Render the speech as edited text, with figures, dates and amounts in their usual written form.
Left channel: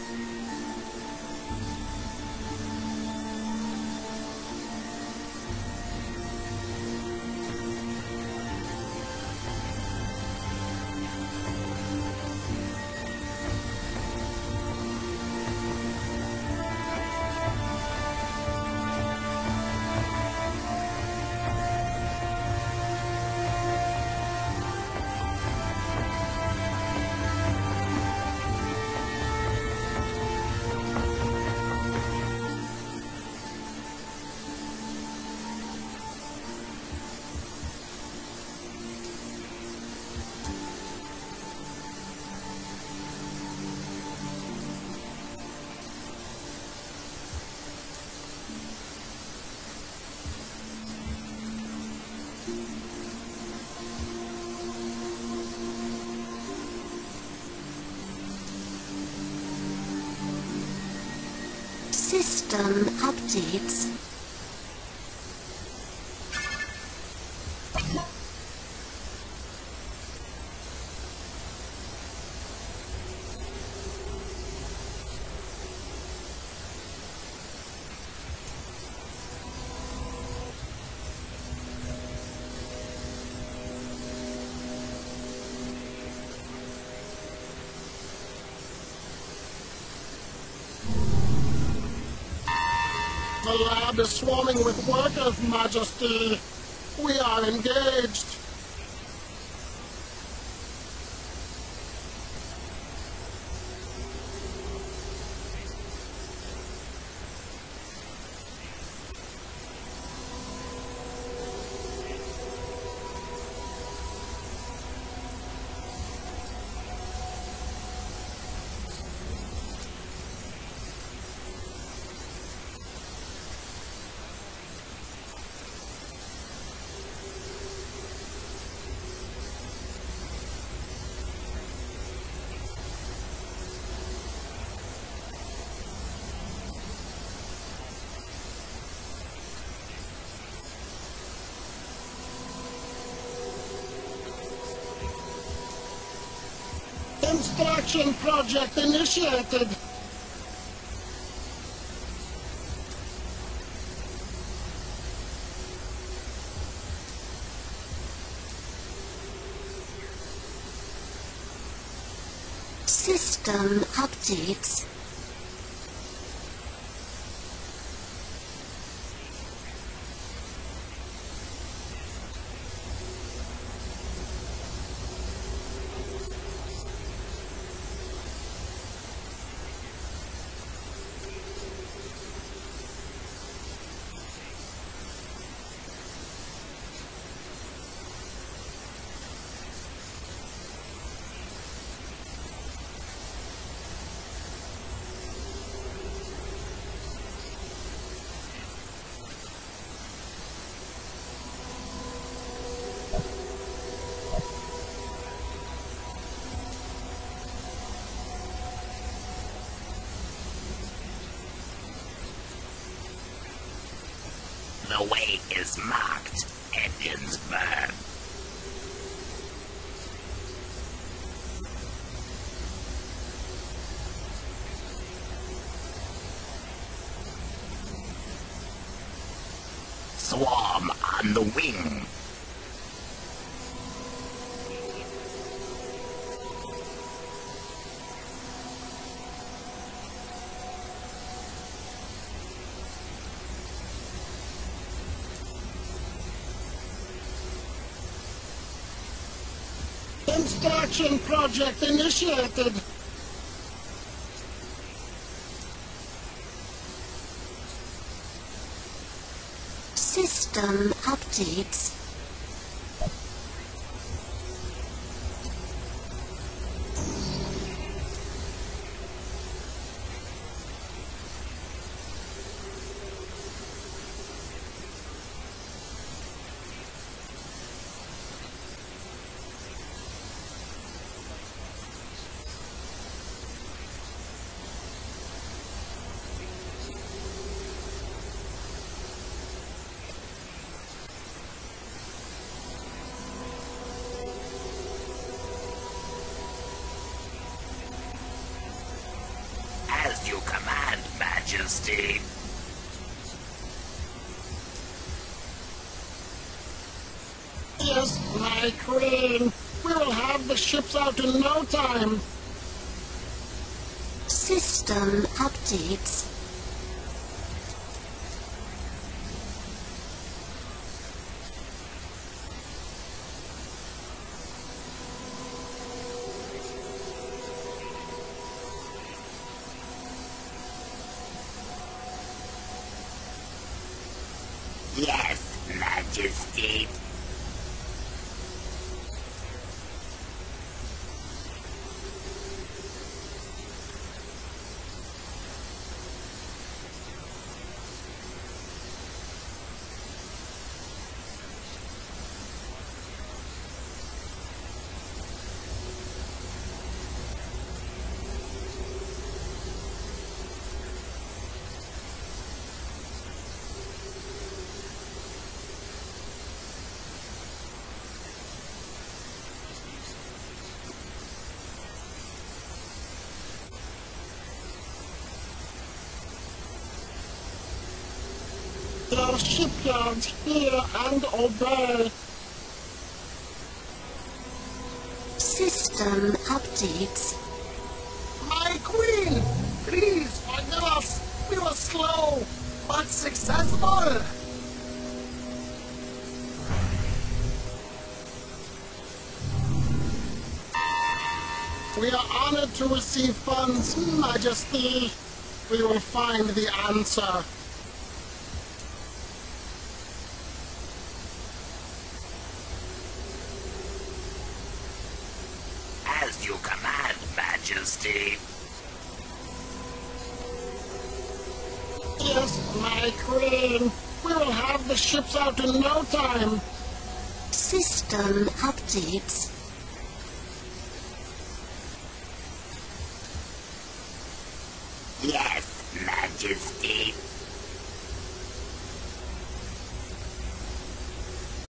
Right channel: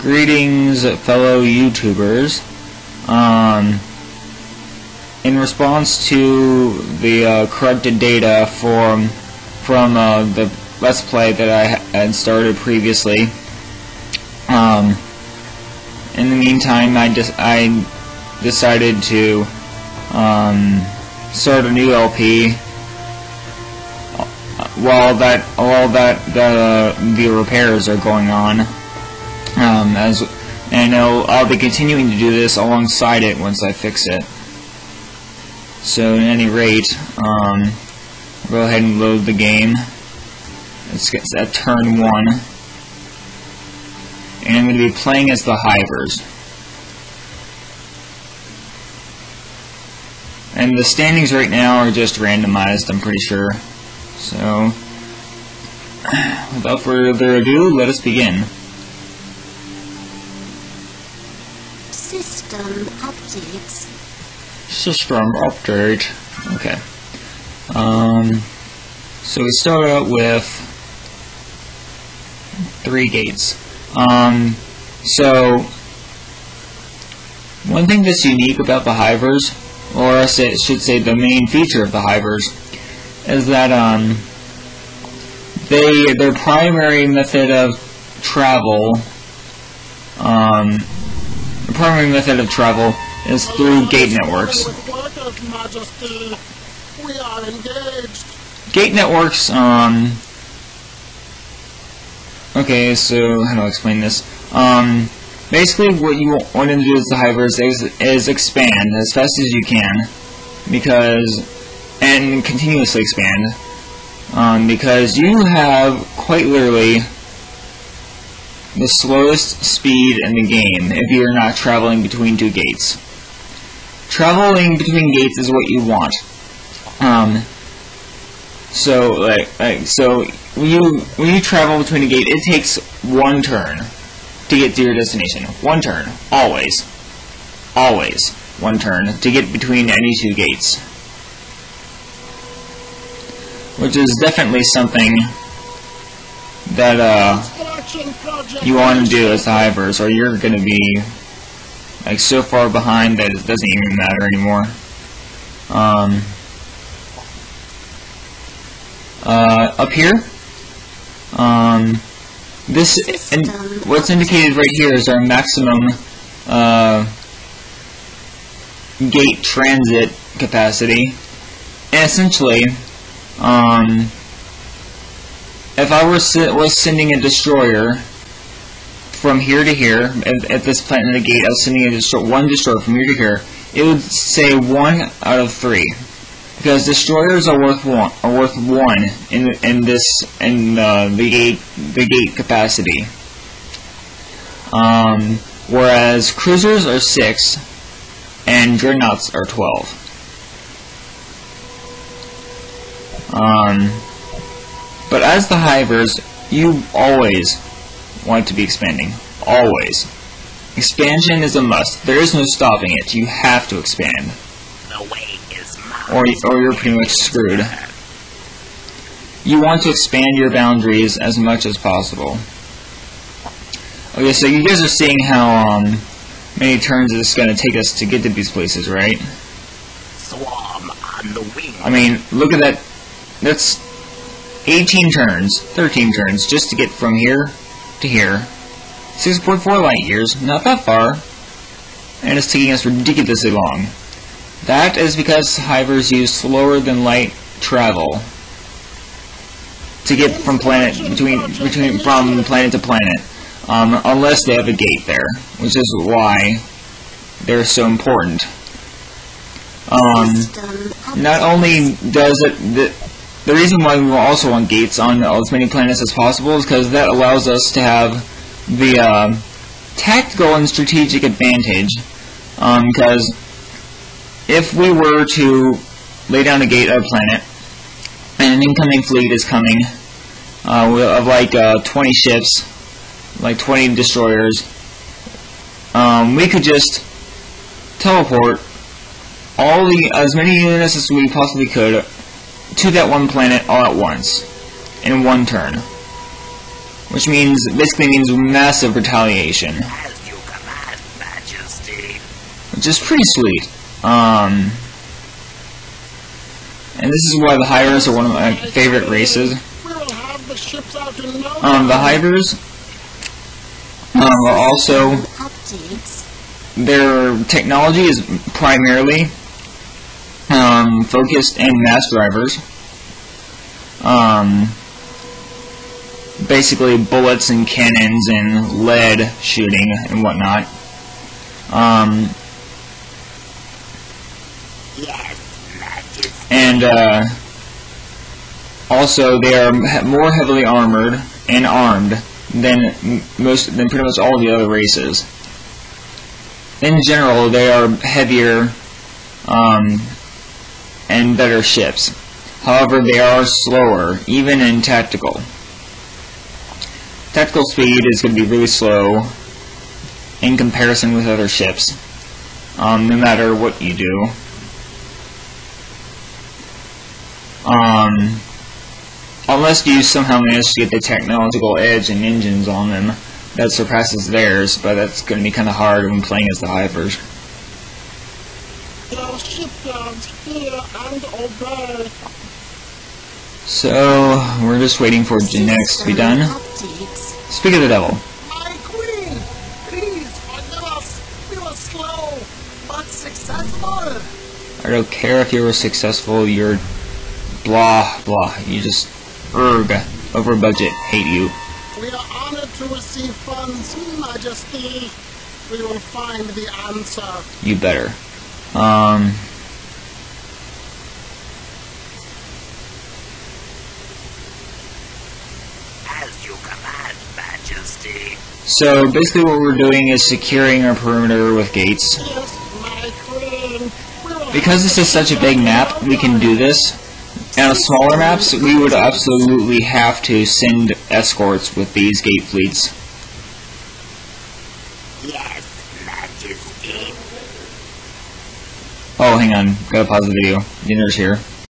Greetings, fellow YouTubers. In response to the corrupted data from the Let's Play that I had started previously, in the meantime, I decided to start a new LP while the repairs are going on. I'll be continuing to do this alongside it once I fix it. So, at any rate, go ahead and load the game. Let's get at turn 1. And I'm going to be playing as the Hivers. And the standings right now are just randomized, I'm pretty sure. So, without further ado, let us begin. System updates. System update. Okay. So we start out with 3 gates. So one thing that's unique about the Hivers, or I should say the main feature of the Hivers, is that their primary method of travel is through gate networks. With workers, Majesty. We are engaged. Gate networks, okay, so how do I explain this? Basically what you want to do as the Hivers is expand as fast as you can, and continuously expand, because you have quite literally the slowest speed in the game if you're not traveling between 2 gates. Traveling between gates is what you want. So when you travel between a gate, it takes 1 turn to get to your destination. 1 turn, always 1 turn to get between any 2 gates, which is definitely something that you want to do as the Hivers, or you're going to be like so far behind that it doesn't even matter anymore. Up here, what's indicated right here is our maximum gate transit capacity, and essentially, if I was sending a destroyer from here to here, at this planet of the gate, I was sending one destroyer from here to here, it would say 1 out of 3, because destroyers are worth 1 in the gate capacity, whereas cruisers are 6 and dreadnoughts are 12. But as the Hivers, you always want to be expanding. Always. Expansion is a must. There is no stopping it. You have to expand. The way is mine. Or you're pretty much screwed. You want to expand your boundaries as much as possible. Okay, so you guys are seeing how many turns it's going to take us to get to these places, right? Swarm on the wing. I mean, look at that. That's 18 turns, 13 turns, just to get from here to here. 6.4 light years, not that far, and it's taking us ridiculously long. That is because Hivers use slower than light travel to get from planet to planet, unless they have a gate there, which is why they're so important. Not only does it the reason why we also want gates on as many planets as possible is because that allows us to have the tactical and strategic advantage. Because if we were to lay down a gate at a planet, and an incoming fleet is coming of like 20 ships, like 20 destroyers, we could just teleport as many units as we possibly could to that one planet all at once, in 1 turn. which basically means massive retaliation. As you command, Majesty. Which is pretty sweet. And this is why the Hivers are one of my favorite races. We will have the ships out in no time. The Hivers are also, Updates. their technology is primarily focused in mass drivers. Basically bullets and cannons and lead shooting and whatnot. Yes, Majesty. And also they are more heavily armored and armed than pretty much all the other races. In general, they are heavier and better ships. However, they are slower, even in tactical. Tactical speed is going to be really slow in comparison with other ships, no matter what you do. Unless you somehow manage to get the technological edge and engines on them that surpasses theirs, but that's going to be kind of hard when playing as the Hivers. The shipyards hear and obey. So, we're just waiting for genetics to be done. Updates. Speak of the devil. My queen, please forgive us. We were slow, but successful. I don't care if you were successful, you're blah blah. You just over budget. Hate you. We are honored to receive funds, Majesty. We will find the answer. You better. As you command, Majesty. So basically what we're doing is securing our perimeter with gates. Yes, my queen. We will Because have this the is such a big shipyards map, in no we can time. do this. And on smaller maps, we would absolutely have to send escorts with these gate fleets. Yes, Majesty. Oh, hang on. Gotta pause the video. Dinner's here.